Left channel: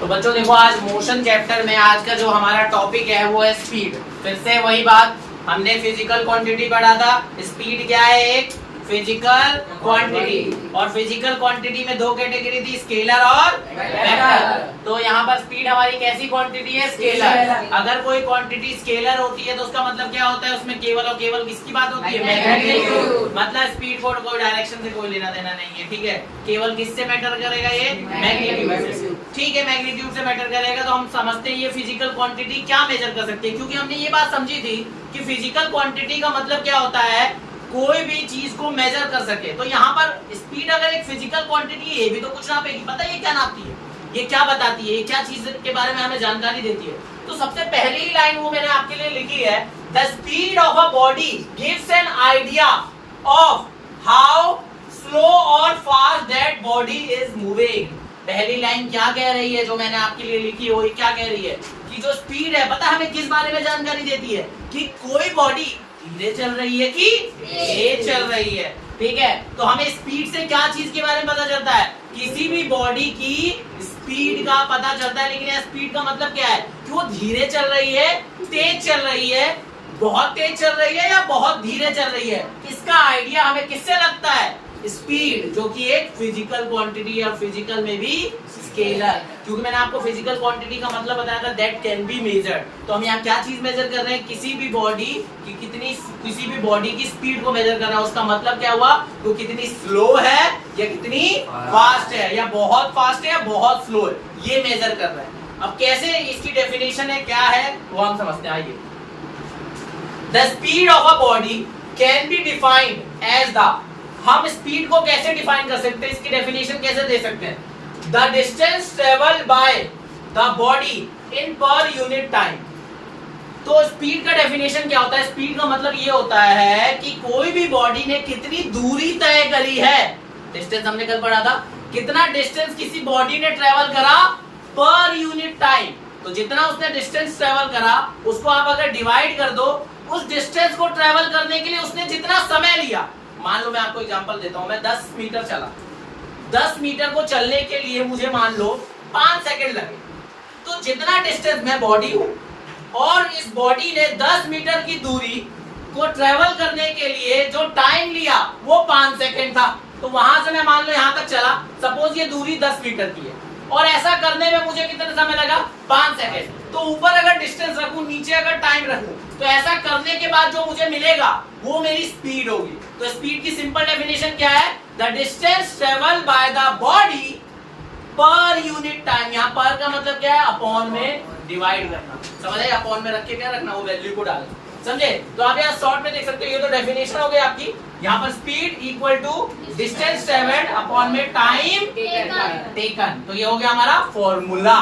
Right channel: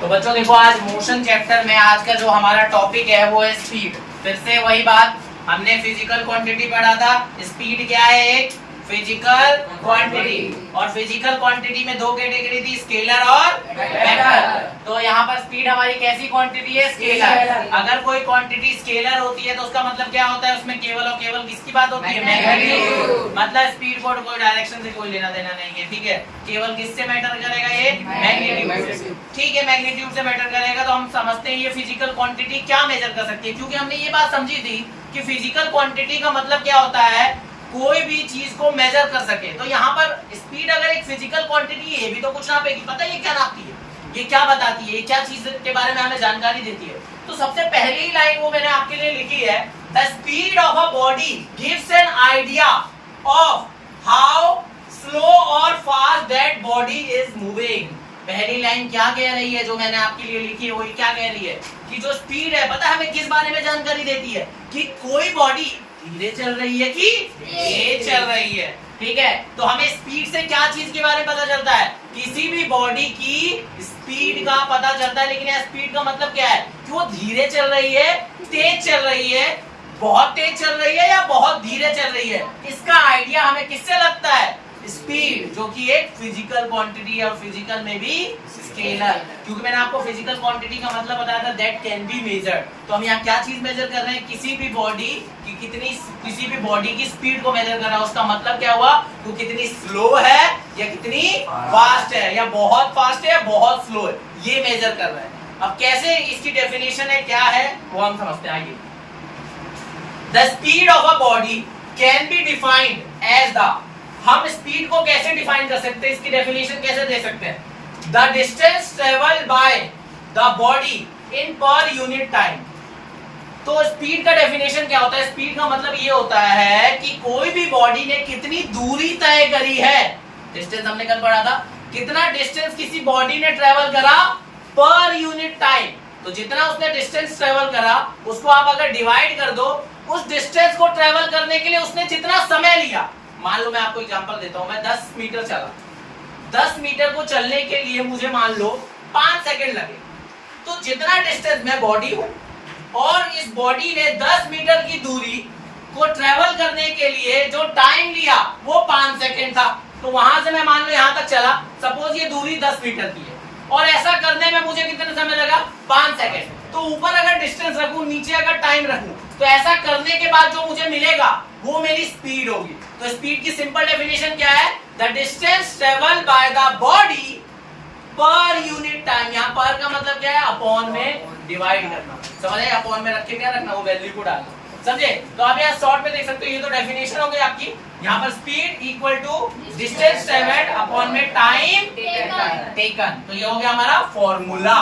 तो बच्चों देखो, आज मोशन चैप्टर में आज का जो हमारा टॉपिक है वो है स्पीड। फिर से वही बात, हमने फिजिकल क्वांटिटी पढ़ा था। स्पीड क्या है? एक फिजिकल क्वांटिटी, और फिजिकल क्वांटिटी में दो कैटेगरी थी, स्केलर और वेक्टर। तो यहाँ पर स्पीड हमारी कैसी क्वांटिटी है? स्केलर। अगर कोई क्वांटिटी स्केलर होती है तो उसका मतलब क्या होता है? उसमें केवल और केवल किसकी बात होती है? मैग्नीट्यूड। मतलब स्पीड को कोई डायरेक्शन से कोई लेना देना नहीं है, ठीक है। केवल किससे मैटर करेगा? ये मैग्नीट्यूड से। ठीक है, मैग्नीट्यूड से मैटर करेगा। तो हम समझते हैं ये फिजिकल क्वांटिटी क्या मेजर कर सकती है, क्योंकि हमने ये बात समझी थी कि फिजिकल क्वांटिटी का मतलब क्या होता है? कोई भी चीज को मेजर कर सके। तो यहाँ पर स्पीड अगर एक फिजिकल क्वांटिटी है, ये भी तो कुछ नापेगी। पता है ये क्या नापती है? ये क्या बताती है? ये क्या चीज के बारे में हमें जानकारी देती है? तो सबसे पहली लाइन वो मैंने आपके लिए लिखी है, the speed of a body gives an idea of how slow और fast that body is moving. पहली लाइन क्या कह रही है जो मैंने आपके लिए लिखी है? वो ये क्या कह रही है कि जो स्पीड है, पता है हमें किस बारे में जानकारी देती है? कि कोई बॉडी धीरे चल रही है कि तेज चल रही है, ठीक है। तो हमें स्पीड से क्या चीज के बारे में पता चलता है? किसी भी बॉडी की स्पीड का पता चलता है। लेकिन स्पीड का मतलब क्या है? कि वो धीरे चल रही है, तेज चल रही है, बहुत तेज चल रही है या बहुत धीरे चल रही है। इसका आइडिया हमें किससे लगता है? स्पीड, जो कि एक फिजिकल क्वांटिटी है, और फिजिकल में भी स्केलर। क्योंकि मैंने आपको फिजिकल क्वांटिटी का मतलब बताया था, दैट कैन बी मेजर्ड। तो हम यहाँ क्या चीज मेजर कर रहे हैं? किसी भी बॉडी की कितनी, किसी भी बॉडी की स्पीड को मेजर कर रहा है। उसका मतलब क्या हुआ? तो कितनी स्लो है या कितनी फास्ट है, या बहुत फास्ट है या बहुत स्लो है, ये मेजर कर रहे हैं। अब कैसे इसकी डेफिनेशन है, क्या है वो हम समझते हैं। आइए, the speed of a body can be defined as the, हम स्पीड को कैसे डिफाइन कर सकते हैं? इसकी डेफिनेशन कैसे दे सकते हैं? The distance travelled by the body in per unit time. तो स्पीड का डेफिनेशन क्या होता है? स्पीड का मतलब ये होता है कि कोई भी बॉडी ने कितनी दूरी तय करी है। डिस्टेंस हमने कल पढ़ा था, कितना डिस्टेंस किसी बॉडी ने ट्रेवल करा पर यूनिट टाइम। तो जितना उसने डिस्टेंस ट्रेवल करा, उसको आप अगर डिवाइड कर दो, उस डिस्टेंस को ट्रेवल करने के लिए उसने जितना समय लिया। मान लो मैं आपको एग्जांपल देता हूं, मैं 10 मीटर चला, 10 मीटर को चलने के लिए मुझे मान लो 5 सेकंड लगे। तो जितना डिस्टेंस, मैं बॉडी हूं और इस बॉडी ने 10 मीटर की दूरी को ट्रेवल करने के लिए जो टाइम लिया वो 5 सेकंड था। तो वहां से मैं मान लो यहां तक चला, सपोज ये दूरी 10 मीटर की है, और ऐसा करने में मुझे कितना समय लगा? 5 सेकंड। तो ऊपर अगर डिस्टेंस रखूं, नीचे अगर टाइम रखूं, तो ऐसा करने के बाद जो मुझे मिलेगा वो मेरी स्पीड होगी। तो स्पीड की सिंपल डेफिनेशन क्या है? The distance travelled by the body per unit time. यहाँ पर का मतलब क्या है? अपॉन में डिवाइड करना। समझ आए? अपॉन में रख के क्या रखना? वो वैल्यू को डालना। समझे? तो आप यहाँ शॉर्ट में देख सकते हो, ये तो डेफिनेशन हो गई आपकी। यहाँ पर speed equal to distance travelled upon में टाइम टेकन। तो ये हो गया हमारा फॉर्मूला।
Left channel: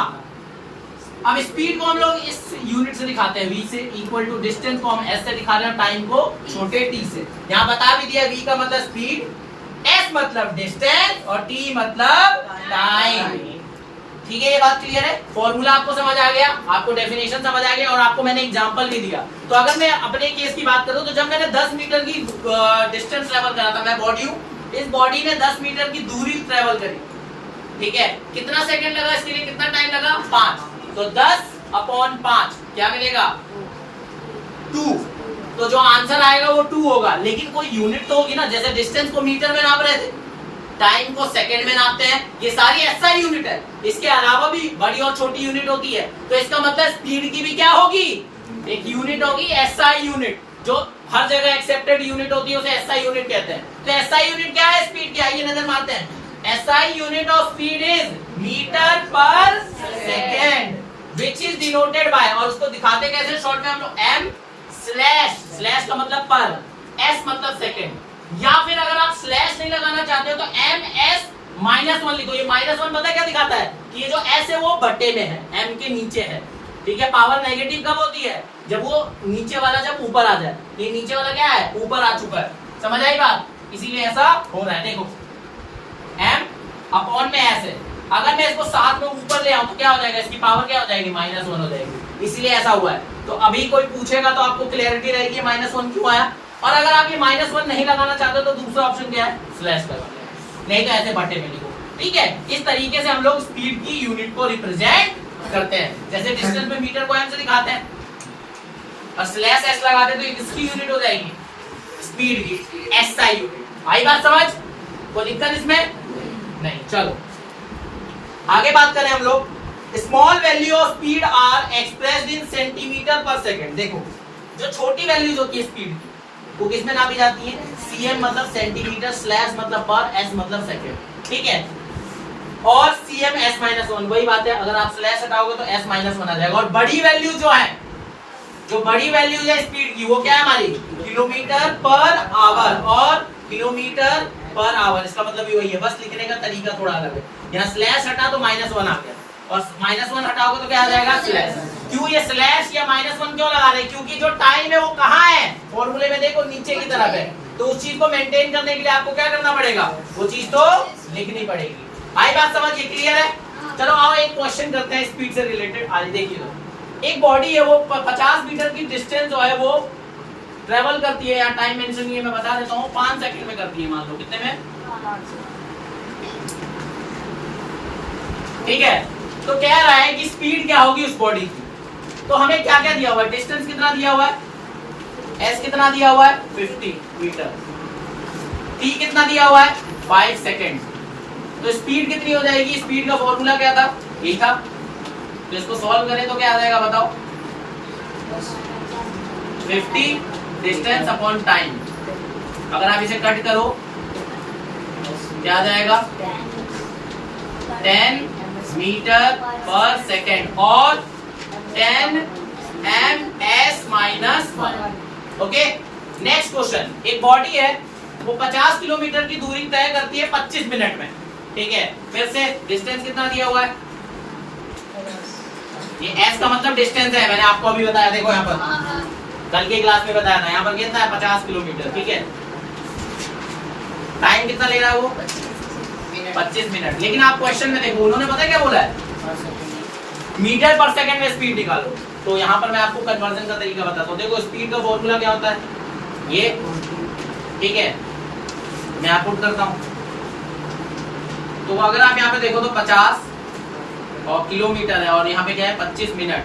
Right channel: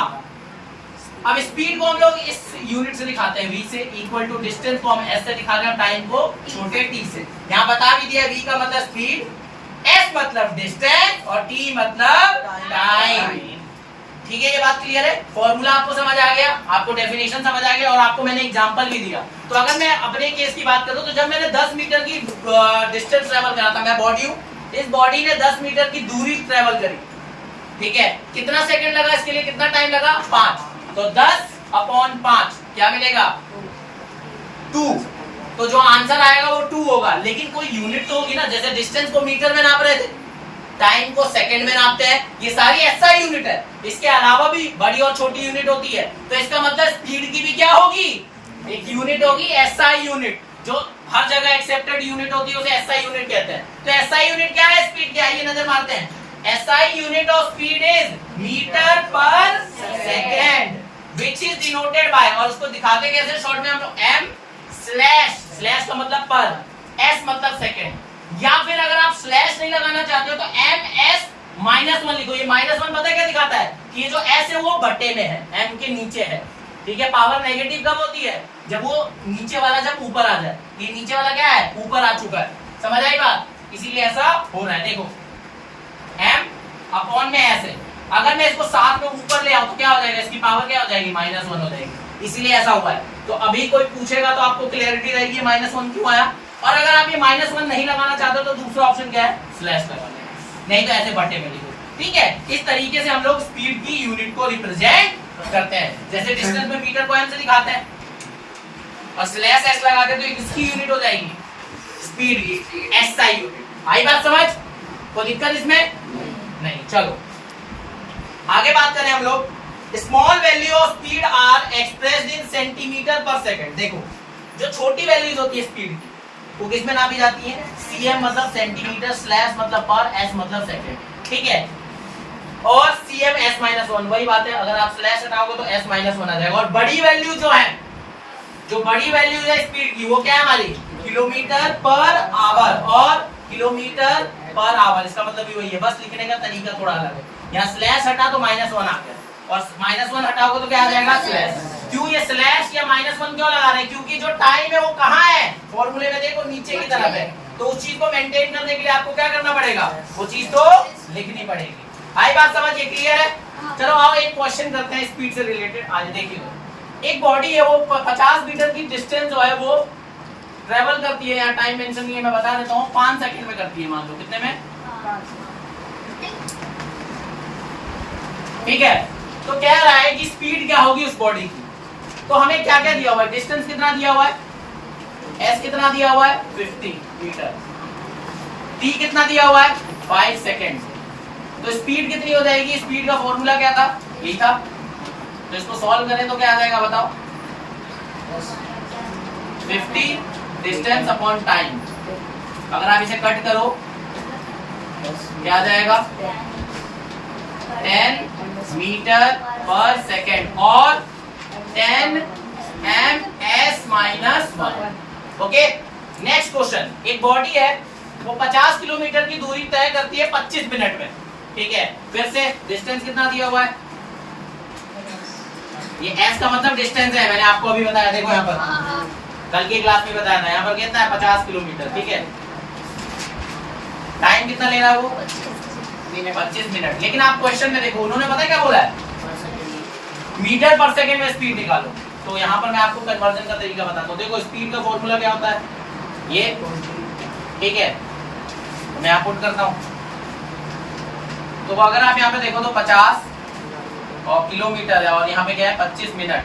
अब स्पीड को हम लोग इस यूनिट से दिखाते हैं, v से, इक्वल टू डिस्टेंस को हम s से दिखा रहे हैं, टाइम को छोटे t से। यहाँ बता भी दिया, v का मतलब स्पीड, s मतलब डिस्टेंस और t मतलब टाइम। ठीक है, ये बात क्लियर है? फॉर्मूला आपको समझ आ गया, आपको डेफिनेशन समझ आ गया, और आपको मैंने एग्जांपल भी दिया। तो अगर मैं अपने केस की बात करूं, तो जब मैंने 10 मीटर की डिस्टेंस ट्रेवल करा था, मैं बॉडी हूं, इस बॉडी ने 10 मीटर की दूरी ट्रेवल करी, ठीक है। कितना सेकंड लगा इसके लिए? कितना टाइम लगा? 5। तो 10 अपॉन 5 क्या मिलेगा? 2। तो जो आंसर आएगा वो 2 होगा। लेकिन कोई यूनिट तो होगी ना, जैसे डिस्टेंस को मीटर में नाप रहे थे, टाइम को सेकंड में नापते हैं, ये सारी एसआई यूनिट है। इसके अलावा भी बड़ी और छोटी यूनिट होती है। तो इसका मतलब स्पीड की भी क्या होगी? एक यूनिट होगी एसआई यूनिट, जो हर जगह एक्सेप्टेड यूनिट होती है, उसे एसआई यूनिट कहते हैं। तो एसआई यूनिट क्या है? स्पीड क्या है? ये नजर मारते हैं। SI unit of speed is metre per second, which is denoted by, और उसको दिखाते कैसे शॉर्ट में हम लोग? m स्लैश, स्लैश का मतलब पर, s मतलब सेकंड। या फिर अगर आप स्लैश नहीं लगाना चाहते हो तो ms-1 लिखो। ये -1 पता है क्या दिखाता है? कि ये जो s है वो बटे में है, m के नीचे है, ठीक है। पावर नेगेटिव कब होती है? जब वो नीचे वाला जब ऊपर आ जाए। ये नीचे वाला क्या है? ऊपर आ चुका है। समझ आई बात? इसीलिए ऐसा हो रहा है। देखो, m अपॉन में s है, अगर मैं इसको साथ में ऊपर ले आऊं तो क्या हो जाएगा? इसकी पावर क्या हो जाएगी? -1 हो जाएगी। इसलिए ऐसा हुआ है। तो अभी कोई पूछेगा तो आपको क्लैरिटी रहेगी -1 क्यों आया। और अगर आप ये -1 नहीं लगाना चाहते तो दूसरा ऑप्शन क्या है? स्लैश लगा लें, नहीं तो ऐसे बटे में लिखो। ठीक है, इस तरीके से हम लोग स्पीड की यूनिट को रिप्रेजेंट करते हैं। जैसे डिस्टेंस में मीटर को एम से दिखाते हैं और स्लैश एस लगाते हैं तो किसकी यूनिट हो जाएगी? स्पीड की, एसआई यूनिट। आई बात समझ? कोई दिक्कत इसमें नहीं। चलो आगे बात करें हम लोग। Small value of speed are expressed in centimetre per second. देखो जो छोटी वैल्यूज होती है स्पीड की वो किसमें नापी जाती है? सीएम मतलब सेंटीमीटर, स्लैश मतलब पर, एस मतलब सेकंड, ठीक है। और सीएम एस माइनस वन, वही बात है, अगर आप स्लैश हटाओगे तो एस माइनस वन आ जाएगा। और बड़ी वैल्यू जो है, जो बड़ी वैल्यू है स्पीड की, वो क्या है हमारी? किलोमीटर पर आवर और किलोमीटर पर आवर। इसका मतलब भी वही है, बस लिखने का तरीका थोड़ा अलग है। यहाँ स्लैश हटा तो माइनस वन आ गया और माइनस वन हटाओगे तो क्या आ जाएगा? स्लैश। क्यों ये स्लैश या माइनस वन क्यों लगा रहे हैं? क्योंकि जो टाइम है वो कहाँ है? फॉर्मूले में देखो नीचे की तरफ है, तो उस चीज को मेंटेन करने के लिए आपको क्या करना पड़ेगा? वो चीज तो लिखनी पड़ेगी। आई बात समझ? ये क्लियर है? चलो आओ एक क्वेश्चन करते हैं स्पीड से रिलेटेड। आज देखिए लो, एक बॉडी है वो 50 मीटर की डिस्टेंस जो है वो ट्रेवल करती है। यहाँ टाइम मेंशन नहीं है, मैं बता देता हूँ, 5 सेकंड में करती है। मान लो कितने में? ठीक है, तो कह रहा है कि स्पीड क्या होगी उस बॉडी की। तो हमें क्या क्या दिया हुआ है? डिस्टेंस कितना दिया हुआ है? एस कितना दिया हुआ है? 50 मीटर। टी कितना दिया हुआ है? 5 सेकेंड। तो स्पीड कितनी हो जाएगी? स्पीड का फॉर्मूला क्या था? यही था। तो इसको सॉल्व करें तो क्या आ जाएगा बताओ? 50 डिस्टेंस अपॉन टाइम। अगर आप इसे कट करो क्या आ जाएगा? 10 मीटर पर सेकेंड और 10 ms minus 1। Okay, next question. एक बॉडी है वो 50 किलोमीटर की दूरी तय करती है 25 मिनट में, ठीक है। फिर से डिस्टेंस कितना दिया हुआ है? ये s का मतलब डिस्टेंस है, मैंने आपको अभी बताया। देखो यहाँ पर कल की क्लास में बताया था। यहाँ पर कितना है? 50 किलोमीटर, ठीक है। टाइम कितना ले रहा है वो? 25 मिनट। लेकिन आप क्वेश्चन में देखो, उन्होंने पता है क्या बोला है? मीटर पर सेकंड में स्पीड निकालो। तो यहाँ पर मैं आपको कन्वर्जन का तरीका बताता हूँ। देखो स्पीड का फॉर्मूला क्या होता है? ये, ठीक है, मैं यहाँ पुट करता हूँ। तो अगर आप यहाँ पे देखो तो 50 और किलोमीटर है और यहाँ पे क्या है? 25 मिनट।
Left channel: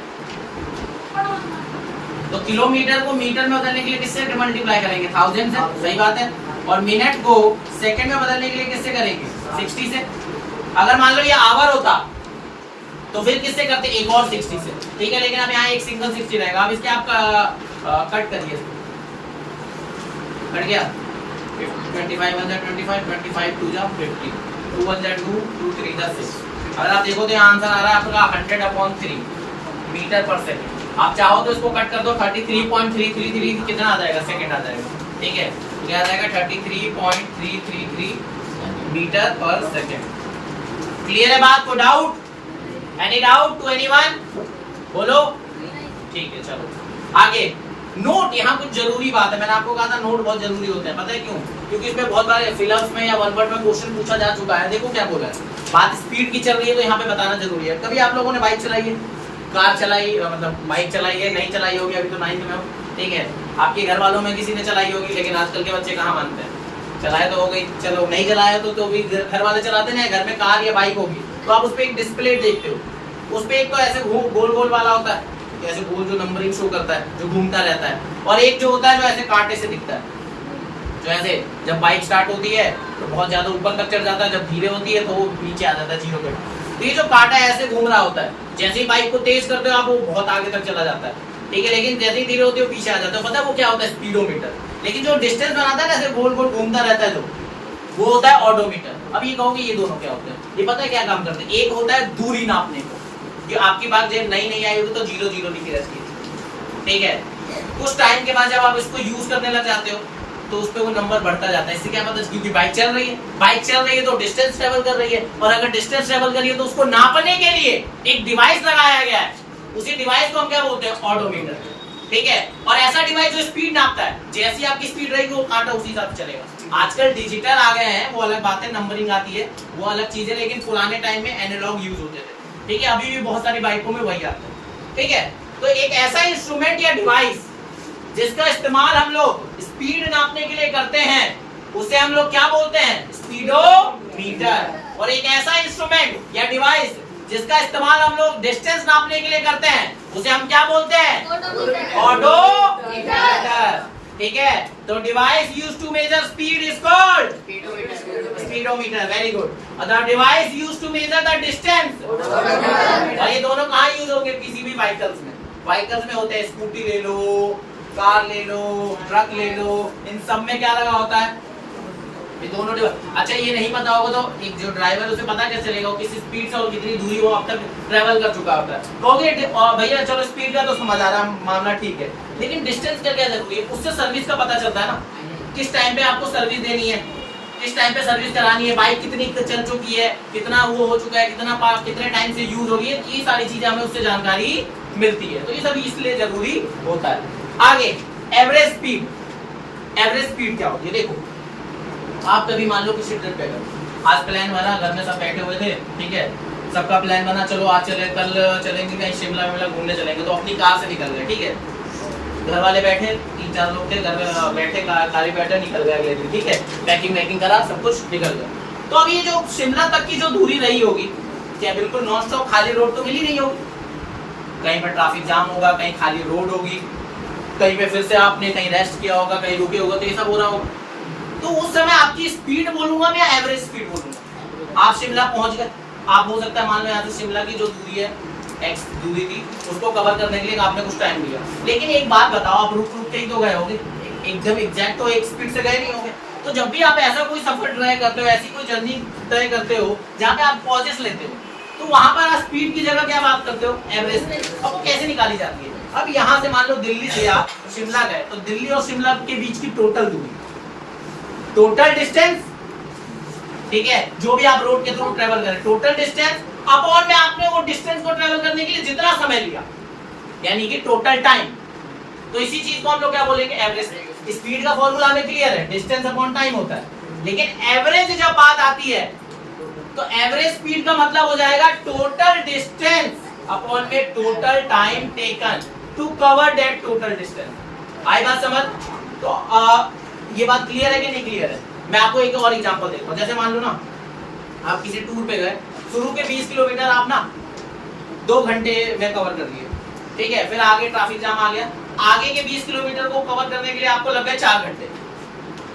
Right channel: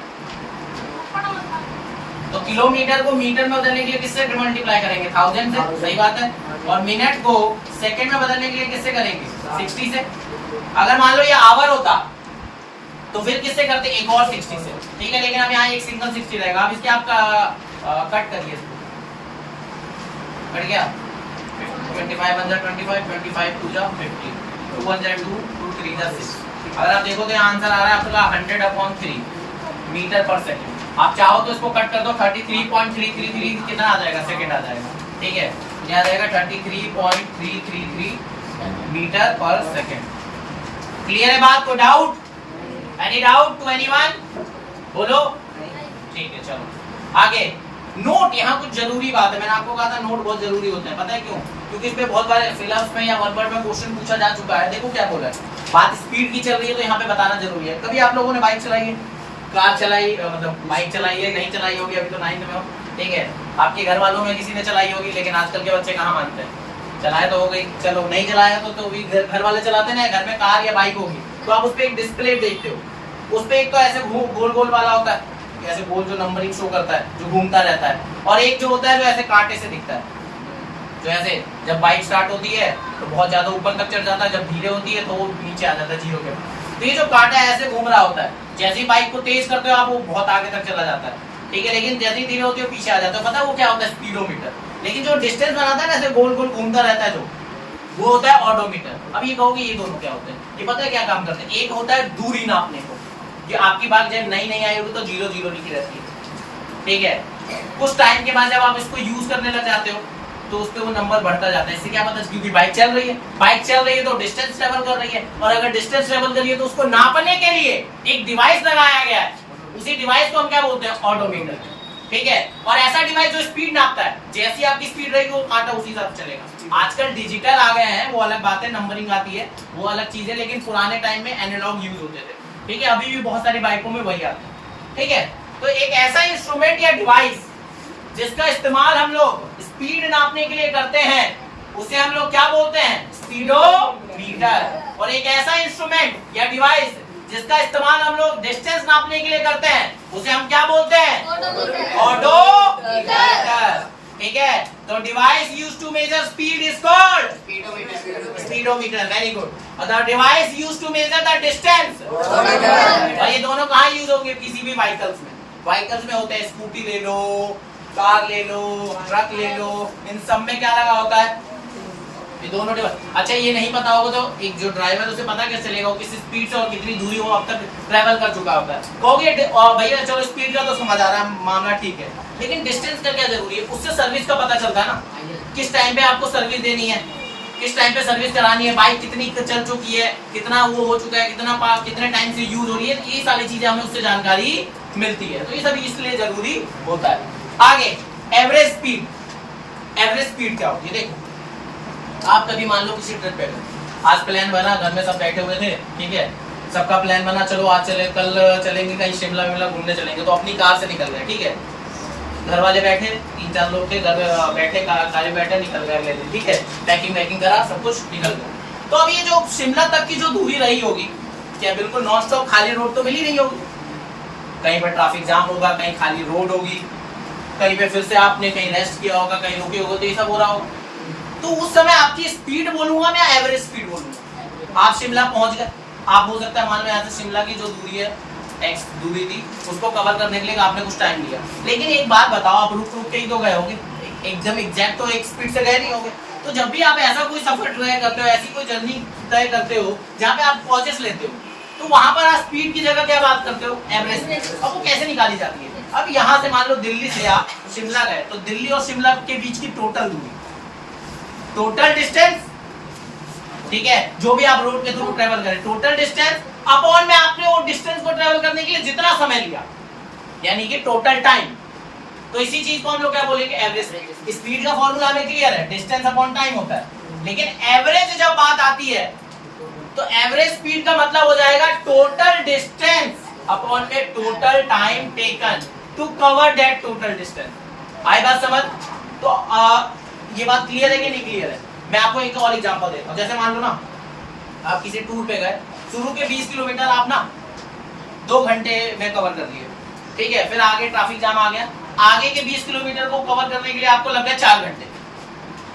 तो किलोमीटर को मीटर में बदलने के लिए किससे मल्टीप्लाई करेंगे? 1000 से, सही बात है। और मिनट को सेकंड में बदलने के लिए किससे करेंगे? 60 से। अगर मान लो ये आवर होता तो फिर किससे करते? एक और 60 से, ठीक है। लेकिन अब यहाँ एक सिंगल 60 रहेगा। अब इसके आप कट करिए, कट गया। 25 1 जा 25, 25 2 जा 50, 2 1 जा 2, 2 3 जा 6। अगर आप देखो तो यहाँ आंसर आ रहा है आपका 100/3 मीटर पर सेकंड। आप चाहो तो इसको कट कर दो, 33.333 कितना आ जाएगा? सेकंड आ जाएगा, ठीक है। क्या आ जाएगा? 33.333 मीटर पर सेकंड। क्लियर है बात? को doubt? Any doubt to anyone? बोलो। ठीक है, चलो आगे। नोट, यहाँ कुछ जरूरी बात है। मैंने आपको कहा था नोट बहुत जरूरी होता है। पता है क्यों? क्योंकि इसमें बहुत बार फिल्म्स में या वन वर्ड में क्वेश्चन पूछा जा चुका है। देखो क्या बोला है, बात स्पीड की चल रही है तो यहाँ पे बताना जरूरी है। कभी आप लोगों ने बाइक चलाई है, कार चलाई, मतलब बाइक चलाई है? नहीं चलाई होगी, अभी तो 9th में हो, ठीक है। आपके घर वालों में किसी ने चलाई होगी, लेकिन आजकल के बच्चे कहाँ मानते हैं? चलाए तो हो गई, चलो नहीं चलाया तो भी घर वाले चलाते ना। घर में कार या बाइक होगी तो आप उस पर एक डिस्प्ले देखते हो। उस पर एक तो ऐसे गोल गोल वाला होता है, ऐसे गोल जो नंबरिंग शो करता है, जो घूमता रहता है। और एक जो होता है जो ऐसे कांटे से दिखता है, जो ऐसे जब बाइक स्टार्ट होती है तो बहुत ज्यादा ऊपर तक चढ़ जाता है, जब धीरे होती है तो वो नीचे आ जाता है 0 पे। तो ये जो कांटा ऐसे घूम रहा होता है, जैसे ही बाइक को तेज करते हो आप वो बहुत आगे तक चला जाता है, ठीक है। लेकिन जैसे ही धीरे होती है पीछे आ जाता है। पता है वो क्या होता है? स्पीडोमीटर। लेकिन जो डिस्टेंस बनाता है ना, ऐसे गोल गोल घूमता रहता है, जो वो होता है ऑडोमीटर। अब ये कहोगे ये दोनों क्या होते हैं? ये पता है क्या काम करते हैं? एक होता है दूरी नापने को, कि आपकी बाइक जब नई आई होगी तो 0 लिखी रहती है, ठीक है। कुछ टाइम के बाद जब आप इसको यूज करने लग जाते हो तो उस पे वो नंबर बढ़ता जाता है। इससे क्या पता है? क्योंकि बाइक चल रही है तो डिस्टेंस ट्रेवल कर रही है, और अगर डिस्टेंस ट्रेवल कर रही है तो उसको नापने के लिए एक डिवाइस लगाया गया है। उसी डिवाइस को हम क्या बोलते हैं? ऑडोमीटर, ठीक है। और ऐसा डिवाइस जो स्पीड नापता है, जैसी आपकी स्पीड रहेगी वो कांटा उसी हिसाब से चलेगा। आजकल डिजिटल आ गए हैं, वो अलग बात है, नंबरिंग आती है, वो अलग चीज है। लेकिन पुराने टाइम में एनालॉग यूज होते थे, ठीक है। अभी भी बहुत सारी बाइकों में वही आता है, ठीक है। तो एक ऐसा इंस्ट्रूमेंट या डिवाइस जिसका इस्तेमाल हम लोग स्पीड नापने के लिए करते हैं, उसे हम लोग क्या बोलते हैं? स्पीडोमीटर। और एक ऐसा इंस्ट्रूमेंट या डिवाइस जिसका इस्तेमाल हम लोग डिस्टेंस नापने के लिए करते हैं उसे हम क्या बोलते हैं? ऑडोमीटर। ठीक है, तो device used to measure speed is called speedometer. Very good. The device used to measure the distance, और ये दोनों कहाँ यूज होंगे? किसी भी व्हीकल्स में। व्हीकल्स में होते हैं, स्कूटी ले लो, कार ले लो, ट्रक ले लो, इन सब में क्या लगा होता है? ये दोनों डिवाइस। अच्छा, ये नहीं पता होगा तो एक जो ड्राइवर उसे पता कैसे चलेगा किस स्पीड से और कितनी दूरी वो अब तक ट्रेवल कर चुका होता है? कहोगे भैया चलो स्पीड का तो समझ आ रहा है, मामला ठीक है, लेकिन डिस्टेंस का क्या जरूरी है? उससे सर्विस का पता चलता है ना, किस टाइम पे आपको सर्विस देनी है, किस टाइम पे सर्विस करानी है, बाइक कितनी चल चुकी है, कितना वो हो चुका है, कितने टाइम से यूज हो रही है, ये सारी चीजें हमें उससे जानकारी मिलती है। तो ये सब इसलिए जरूरी होता है। आगे एवरेज स्पीड। एवरेज स्पीड क्या होती है? देखो, आप कभी मान लो किसी ट्रिप पे गए, आज प्लान बना, घर में सब बैठे हुए थे, ठीक है, सबका प्लान बना, चलो आज चले, कल चलेंगे कहीं शिमला विमला घूमने चलेंगे, तो अपनी कार से निकल गए, ठीक है, घर वाले बैठे, 3-4 लोग थे, घर बैठे, कार बैठे, निकल गए, ठीक है, पैकिंग करा, सब कुछ निकल गया। तो अब ये जो शिमला तक की जो दूरी रही होगी, क्या बिल्कुल नॉन स्टॉप खाली रोड तो मिली नहीं होगी? कहीं पर ट्रैफिक जाम होगा, कहीं खाली रोड होगी, कहीं पे फिर से आपने कहीं रेस्ट किया होगा, कहीं रुके होगा, तो ये सब हो रहा होगा। तो उस समय आपकी स्पीड बोलूंगा मैं, एवरेज स्पीड बोलूंगा। आप शिमला पहुंच गए, आप हो सकता है मान लो यहाँ से शिमला की जो दूरी है, एक्स दूरी थी, उसको कवर करने के लिए आपने कुछ टाइम लिया, लेकिन एक बात बताओ, आप रुक के ही तो गए होगे, एकदम एग्जैक्ट तो एक स्पीड से गए नहीं होंगे। तो जब भी आप ऐसा कोई सफर ट्राई करते हो, ऐसी कोई जर्नी तय करते हो जहाँ पे आप पॉजेस लेते हो, तो वहां पर आप स्पीड की जगह क्या बात करते हो? Average speed. अब वो कैसे निकाली जाती है? अब यहाँ से मान लो दिल्ली से आप शिमला गए, तो दिल्ली और शिमला के बीच की टोटल दूरी, टोटल डिस्टेंस, ठीक है, जो भी आप रोड के थ्रू ट्रेवल करें, टोटल डिस्टेंस अपॉन में आपने वो डिस्टेंस को ट्रेवल करने के लिए जितना समय लिया, यानी कि टोटल टाइम। तो इसी चीज को हम लोग क्या बोलेंगे? एवरेज। स्पीड का फॉर्मूला हमें क्लियर है, डिस्टेंस अपॉन टाइम होता है, लेकिन एवरेज जब बात आती है तो एवरेज स्पीड का मतलब हो जाएगा टोटल डिस्टेंस अपॉन में total time taken to cover that total distance. आएगा समझ? तो ये बात क्लियर है कि नहीं क्लियर है? मैं आपको एक और एग्जांपल देता हूं। जैसे मान लो ना, आप किसी टूर पे गए, शुरू के 20 किलोमीटर आप ना 2 घंटे में कवर कर लिए, ठीक है, फिर आगे ट्रैफिक जाम आ गया, आगे के 20 किलोमीटर को कवर करने के लिए आपको लग गए 4 घंटे।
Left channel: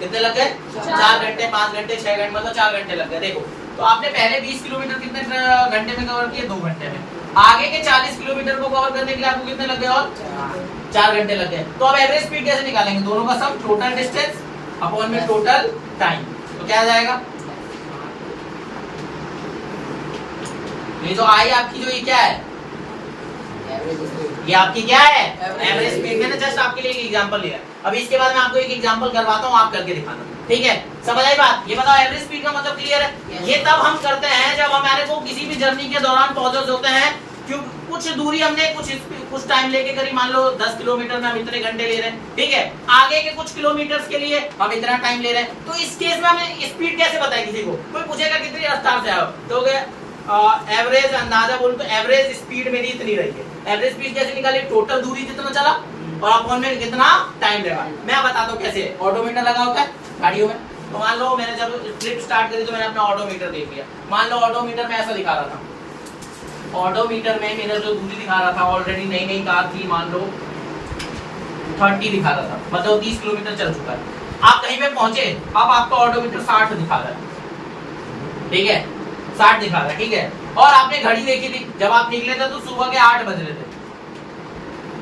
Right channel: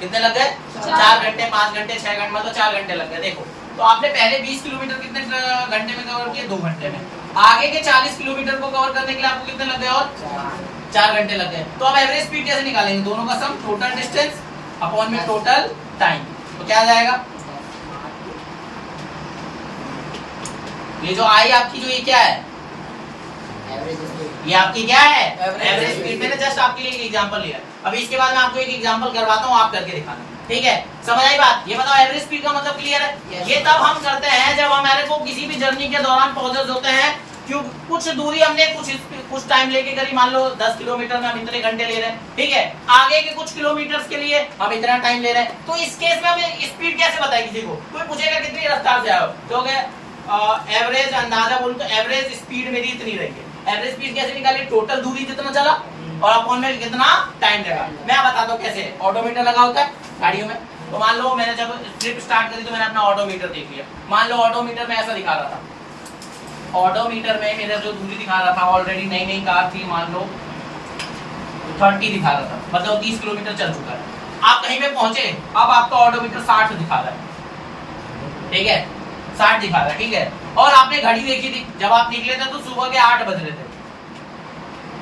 कितने लग गए? 4 घंटे, 5 घंटे, 6 घंटे, मतलब 4 घंटे लग गए। देखो, तो आपने पहले 20 किलोमीटर कितने घंटे में कवर किए? 2 घंटे में। आगे के 40 किलोमीटर को कवर करने के लिए आपको कितने लग गए? और 4 घंटे लग गए। तो अब एवरेज स्पीड कैसे निकालेंगे? दोनों का सम, टोटल डिस्टेंस अपॉन में टोटल टाइम। तो क्या आ जाएगा? ये जो आई आपकी, जो ये क्या है? ये आपकी क्या है? Average speed. मैंने जस्ट आपके लिए एक एग्जांपल लिया। अभी इसके बाद मैं आपको एक एग्जांपल करवाता हूँ, आप करके दिखाना, ठीक है? समझ आई बात? ये बताओ, एवरेज स्पीड का मतलब क्लियर है? ये तब हम करते हैं जब हमारे को किसी भी जर्नी के दौरान पॉजेस होते हैं, क्यों कुछ दूरी हमने कुछ टाइम लेके करी, मान लो 10 किलोमीटर में हम इतने घंटे ले रहे हैं, ठीक है, आगे के कुछ किलोमीटर्स के लिए हम इतना टाइम ले रहे हैं। तो इस केस में हमें स्पीड कैसे पता है? किसी को कोई पूछेगा कितनी रफ्तार से आओ, तो एवरेज अंदाजा बोलूं तो एवरेज स्पीड मेरी इतनी रही है। एवरेज स्पीड कैसे निकाली? टोटल दूरी जितना चला और अपॉन में कितना टाइम लगा। मैं बताता हूँ कैसे। ऑडोमीटर लगा होता है गाड़ियों में, तो मान लो मैंने जब ट्रिप स्टार्ट करी तो मैंने अपना ऑडोमीटर देख लिया। मान लो ऑडोमीटर में ऐसा दिखा रहा था, ऑडोमीटर में मेरा जो दूरी दिखा रहा था, ऑलरेडी नई नई कार थी, मान लो 30 दिखा रहा था, मतलब 30 किलोमीटर चल चुका है। आप कहीं पे पहुंचे, अब आपका ऑडोमीटर 60 दिखा रहा है, ठीक है, 60 दिखा रहा है, ठीक है, और आपने घड़ी देखी थी, जब आप निकले थे तो सुबह के 8 बज रहे थे,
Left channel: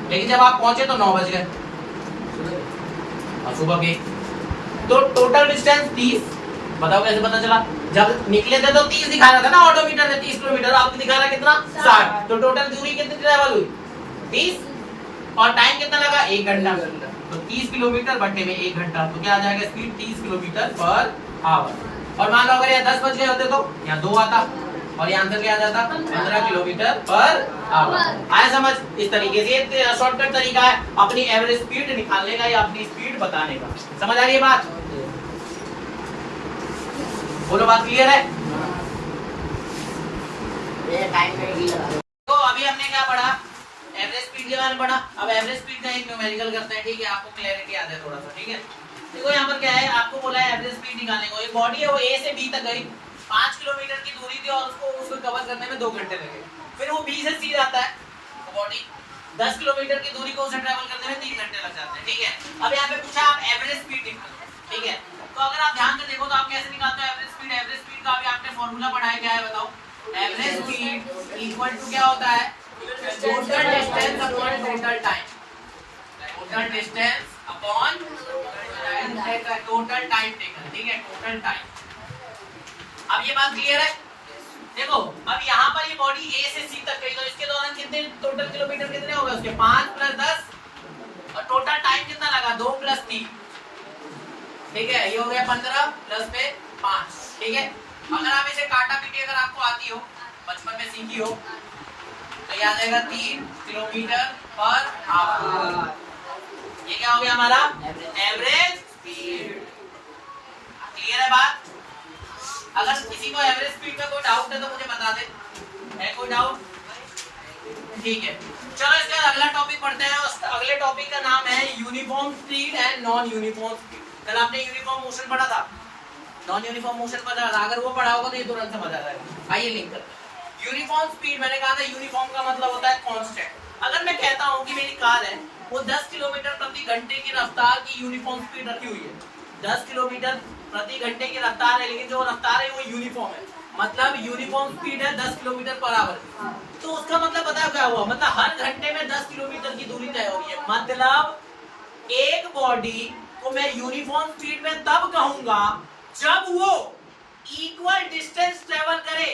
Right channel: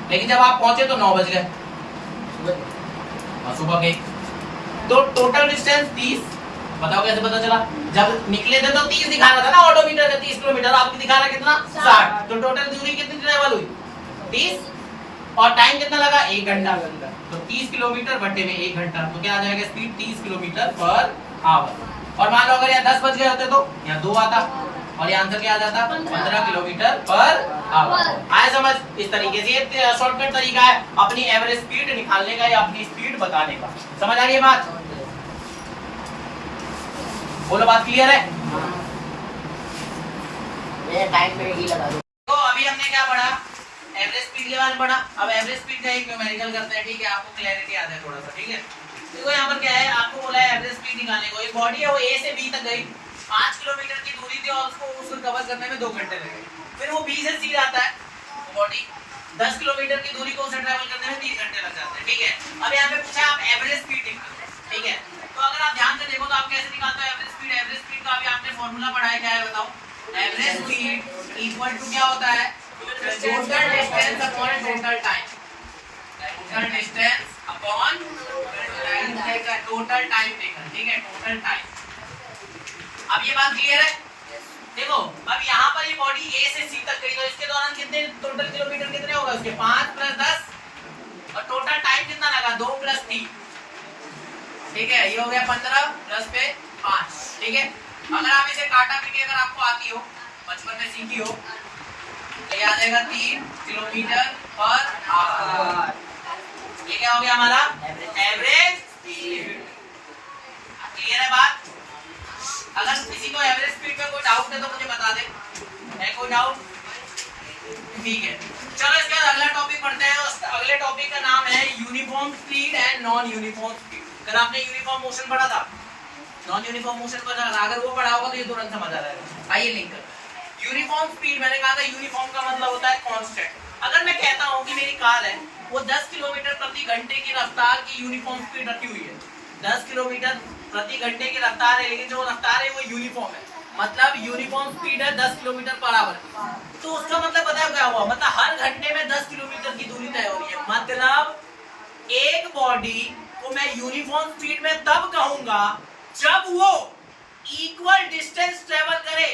लेकिन जब आप पहुंचे तो 9 बज गए सुबह के। तो टोटल डिस्टेंस 30, बताओ कैसे पता चला? जब निकले थे तो 30 दिखा रहा था ना ऑडोमीटर में, 30 किलोमीटर, आपकी दिखा रहा है कितना? 60। तो टोटल दूरी कितनी ट्रेवल हुई? 30, और टाइम कितना लगा? 1 घंटा। तो 30 किलोमीटर बटे में 1 घंटा, तो क्या आ जाएगा स्पीड? 30 kilometre per hour. और मान लो अगर यहाँ 10 बज गए होते तो यहाँ 2 आता, और ये आंसर क्या आ जाता? 15 किलोमीटर पर आवर। आए समझ? इस तरीके से शॉर्टकट तरीका है अपनी एवरेज स्पीड निकालने का या अपनी स्पीड बताने का। समझ आ रही है बात? बोलो, बात क्लियर है? तो अभी हमने क्या पढ़ा? एवरेज स्पीड के बारे में पढ़ा। अब एवरेज स्पीड का एक न्यूमेरिकल करते हैं, ठीक है, आपको क्लैरिटी आ जाए थोड़ा सा, ठीक है। देखो यहाँ पर क्या है, आपको बोला है एवरेज स्पीड निकालने को। एक बॉडी है, वो ए से बी तक गई, 5 किलोमीटर की दूरी थी और उसको कवर करने में 2 घंटे लगे। फिर वो बी से सी जाता है, बॉडी 10 किलोमीटर की दूरी को उसे ट्रैवल करने में 3 घंटे लग जाते हैं, ठीक है। अब यहाँ पे पूछा आप एवरेज स्पीड निकालो, ठीक है। तो अगर आप ध्यान से देखो तो आप कैसे निकालते हो एवरेज स्पीड? एवरेज स्पीड का अभी आपने फॉर्मूला पढ़ा है, क्या है बताओ? एवरेज स्पीड इक्वल टू क्या होता है? Total distance upon total time. Total distance upon total time taken, ठीक है, टोटल टाइम। अब ये बात क्लियर है? देखो अब यहाँ पर ये बॉडी ए से सी तक गई, तो इसके दौरान कितने टोटल किलोमीटर कितने होगा उसके? 5 + 10 और टोटल टाइम कितना लगा? 2 + 3, ठीक है। ये हो गया 15 प्लस पे 5, ठीक है। अगर आप इसे काटा पीटी अगर आपको आती हो, बचपन में सीखी हो, तो ये आ जाएगा 3 किलोमीटर पर आवर। ये क्या हो गया हमारा? Average speed. क्लियर है बात? अगर किसी को एवरेज स्पीड में कोई डाउट है तो मुझे बता दे, है कोई डाउट? ठीक है, चलो इसके बाद अगला टॉपिक पढ़ते हैं। उस अगले टॉपिक का नाम है uniform speed and non uniform speed. कल आपने यूनिफॉर्म मोशन पढ़ा था, नॉन यूनिफॉर्म मोशन पढ़ा था। अगर वो पढ़ा होगा तो ये तुरंत समझ आ जाएगा। आइए लिंक करते हैं। यूनिफॉर्म स्पीड, मैंने कहा था यूनिफॉर्म का मतलब होता है कांस्टेंट। अगर मैं कहता हूँ कि मेरी कार है वो 10 किलोमीटर प्रति घंटे की रफ्तार की यूनिफॉर्म स्पीड रखी हुई है, 10 किलोमीटर प्रति घंटे की रफ्तार है, लेकिन जो रफ्तार है वो यूनिफॉर्म है, मतलब यूनिफॉर्म स्पीड है 10 किलोमीटर पर आवर। तो उसका मतलब पता है क्या हुआ? मतलब हर घंटे में 10 किलोमीटर की दूरी तय हो रही है। मतलब एक बॉडी को मैं यूनिफॉर्म स्पीड में तब कहूंगा जब वो इक्वल डिस्टेंस ट्रेवल करे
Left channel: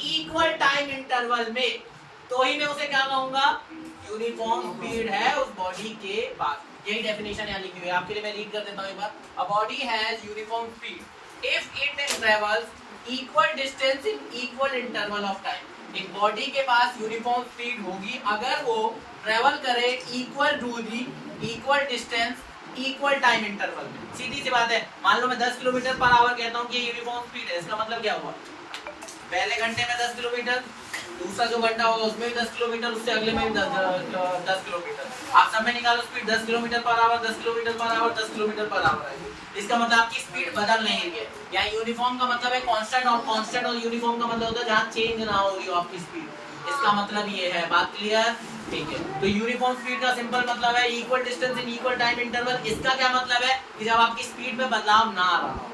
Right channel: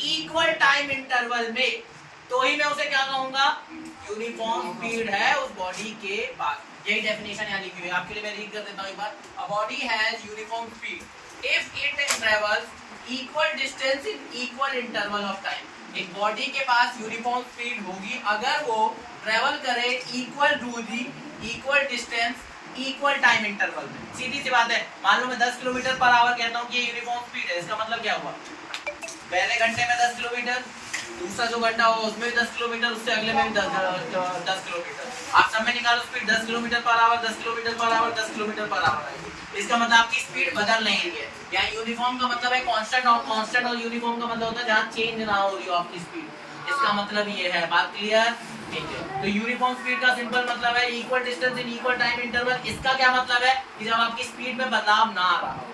इक्वल टाइम इंटरवल में, तो ही मैं उसे क्या कहूंगा? यूनिफॉर्म स्पीड है उस बॉडी के पास। यही डेफिनेशन यहाँ लिखी हुई है, आपके लिए मैं रीड कर देता हूँ एक बार। A body has uniform speed if it travels equal distance in equal interval of time. एक बॉडी के पास यूनिफॉर्म स्पीड होगी अगर वो ट्रेवल करे इक्वल दूरी, equal distance, equal time interval में। सीधी सी बात है, मान लो मैं 10 किलोमीटर पर आवर कहता हूँ कि ये यूनिफॉर्म स्पीड है, इसका मतलब क्या हुआ? पहले घंटे में 10 किलोमीटर, दूसरा जो घंटा होगा उसमें भी 10 किलोमीटर, उससे अगले में भी 10 किलोमीटर। आप सब में निकालो speed 10 kilometre per hour, 10 kilometre per hour, 10 kilometre per hour. इसका मतलब आपकी स्पीड बदल नहीं रही है। या यूनिफॉर्म का मतलब है कांस्टेंट, और कांस्टेंट और यूनिफॉर्म का मतलब होता है जहाँ चेंज ना हो रही हो आपकी स्पीड। इसका मतलब ये है, बात क्लियर? ठीक है। तो यूनिफॉर्म स्पीड का सिंपल मतलब है equal distance in equal time interval. इसका क्या मतलब है कि जब आपकी स्पीड में बदलाव ना आ रहा हो,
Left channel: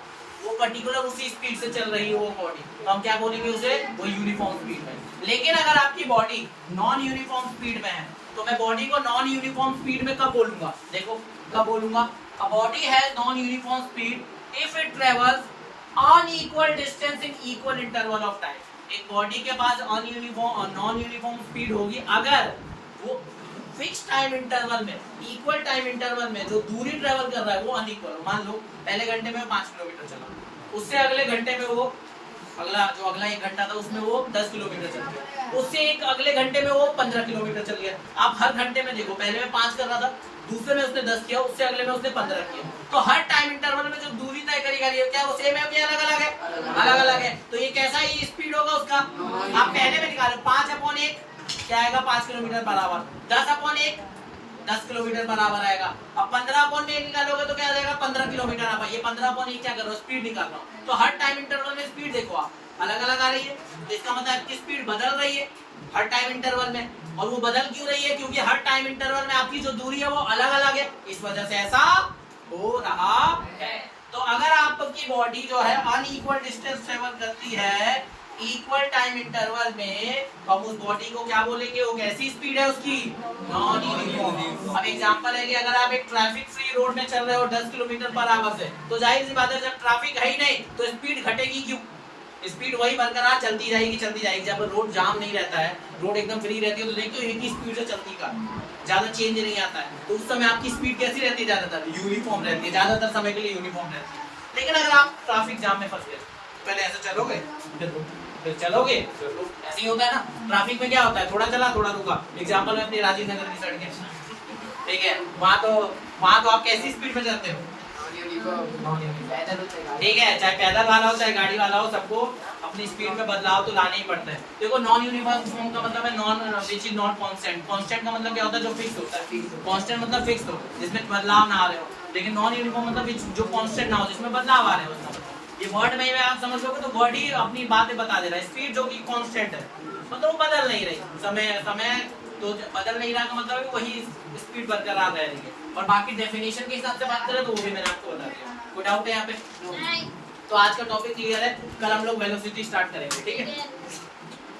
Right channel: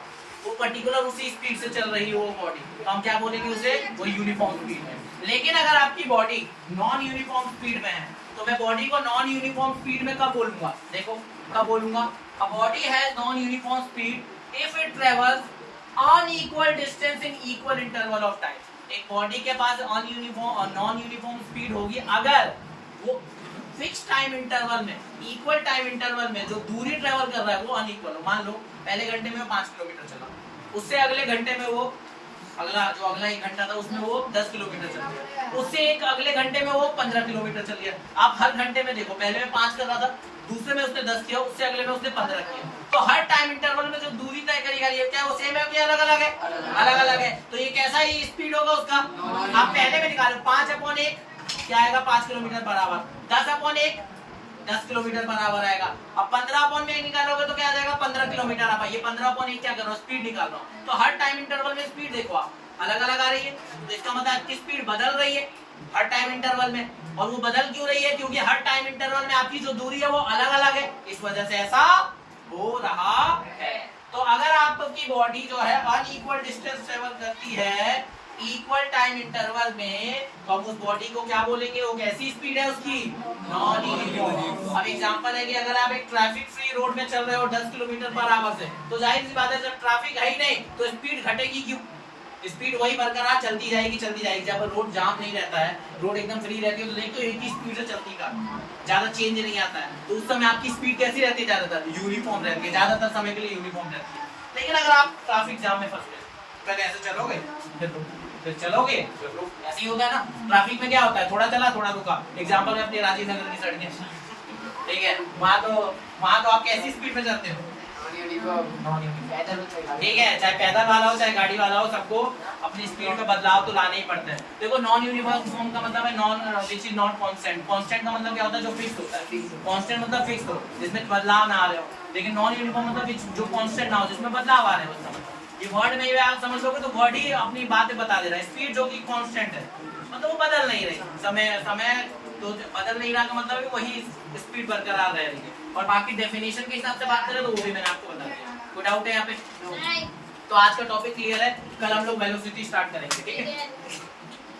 वो पर्टिकुलर उसी स्पीड से चल रही है वो बॉडी, तो हम क्या बोलेंगे उसे? वो यूनिफॉर्म स्पीड है। लेकिन अगर आपकी बॉडी नॉन यूनिफॉर्म स्पीड में है तो मैं बॉडी को नॉन यूनिफॉर्म स्पीड में कब बोलूंगा? देखो कब बोलूंगा? अ body has non uniform speed if it travels on equal distance in equal interval of time. एक बॉडी के पास नॉन यूनिफॉर्म स्पीड होगी अगर वो फिक्स टाइम इंटरवल में, इक्वल टाइम इंटरवल में जो दूरी ट्रेवल कर रहा है वो अनइक्वल हो। मान लो पहले घंटे में 5 किलोमीटर चला, उससे अगले घंटे में वो अगला 1 घंटा था उसमें वो 10 किलोमीटर चल गया, उससे एक अगले घंटे में वो 15 किलोमीटर चल गया। आप हर घंटे में देखो, पहले में 5 कर रहा था, दूसरे में उसने 10 किया, उससे अगले में उसने 15 किया। तो हर टाइम इंटरवल में जो दूरी तय करेगा ये क्या वो सेम है कि अलग अलग है? अलग अलग है। तो ये कैसा ही स्पीड होगा उसका? आप पहले में निकालो 5/1 क्या आएगा? 5 kilometre per hour. 10/1 10 kilometre per hour आएगा। अब 15/1 निकालोगे तो क्या आ जाएगा? 15 किलोमीटर आवर। ये 15/1 क्या कर रहा हूँ? स्पीड निकाल रहा हूँ। तो हर टाइम इंटरवल में स्पीड देखो आप अलग अलग आ रही है, तो इसका मतलब आपकी स्पीड बदल रही है हर टाइम इंटरवल में। और वो बदल क्यों रही है? क्योंकि हर टाइम इंटरवल में आपकी जो दूरी है वो अलग अलग है, इस वजह से ऐसा हो रहा है। तो अगर आपकी बॉडी जो है अनइक्वल डिस्टेंस ट्रेवल करती है इक्वल टाइम इंटरवल में, तो हम उस बॉडी को क्या बोलेंगे? वो कैसी स्पीड है उसकी? Non uniform. अब एग्जांपल है कि अगर आप एक ट्रैफिक फ्री रोड में चल रहे हो 10 किलोमीटर पर आवर से, तो जाहिर सी बात है जब ट्रैफिक है ही नहीं तो स्पीड घटेगी क्यों? स्पीड वही बरकरार चलती जाएगी। जब रोड जाम नहीं रहता है, रोड एकदम फ्री रहती है, तो देखो एक ही स्पीड से चलती कार, ज्यादा चेंज नहीं आता है, तो उस समय आपकी स्पीड कैसी रहती है? ज्यादातर यूनिफॉर्म रहती है, ज्यादातर समय के लिए यूनिफॉर्म रहती है। लेकिन अगर आप ट्रैफिक जाम में फंस गए, पहले ऐसे चलोगे फिर चलोगे, ऐसे ही होता है ना। ट्रैफिक में क्या होता है? थोड़ा चला थोड़ा रुका। एग्जांपल में अपनी राजीव नगर की सड़क है, ठीक है, वहां तो आप कैसी स्पीड में चलते हो? ठीक है, चाहे पैदल वाला हो चाहे गाड़ी वाला हो, सबको अपनी स्पीड में बदलाव तो लाना ही पड़ता है। देखो नॉन यूनिफॉर्म का मतलब है non which is not constant. Constant का मतलब क्या होता है? जो फिक्स होता है। कांस्टेंट मतलब फिक्स हो, जिसमें बदलाव ना आ रहे हो। लेकिन नॉन यूनिफॉर्म मतलब जो कांस्टेंट ना हो, जिसमें बदलाव आ रहे हो, उसका मतलब। ये वर्ड में ही आप समझ लोगे तो वर्ड ही अपनी बातें बता दे रहा है। स्पीड जो कि कांस्टेंट है, मतलब वो बदल नहीं रही, समय तो बदल नहीं रहा का मतलब वही स्पीड बरकरार रह रही है। और बाकी डेफिनेशन के हिसाब से बात करें तो वो भी मैंने आपको बता दिया। कोई डाउट है यहाँ पे? तो आज का टॉपिक क्लियर है, कल हम लोग वेलोसिटी स्टार्ट करेंगे, ठीक है।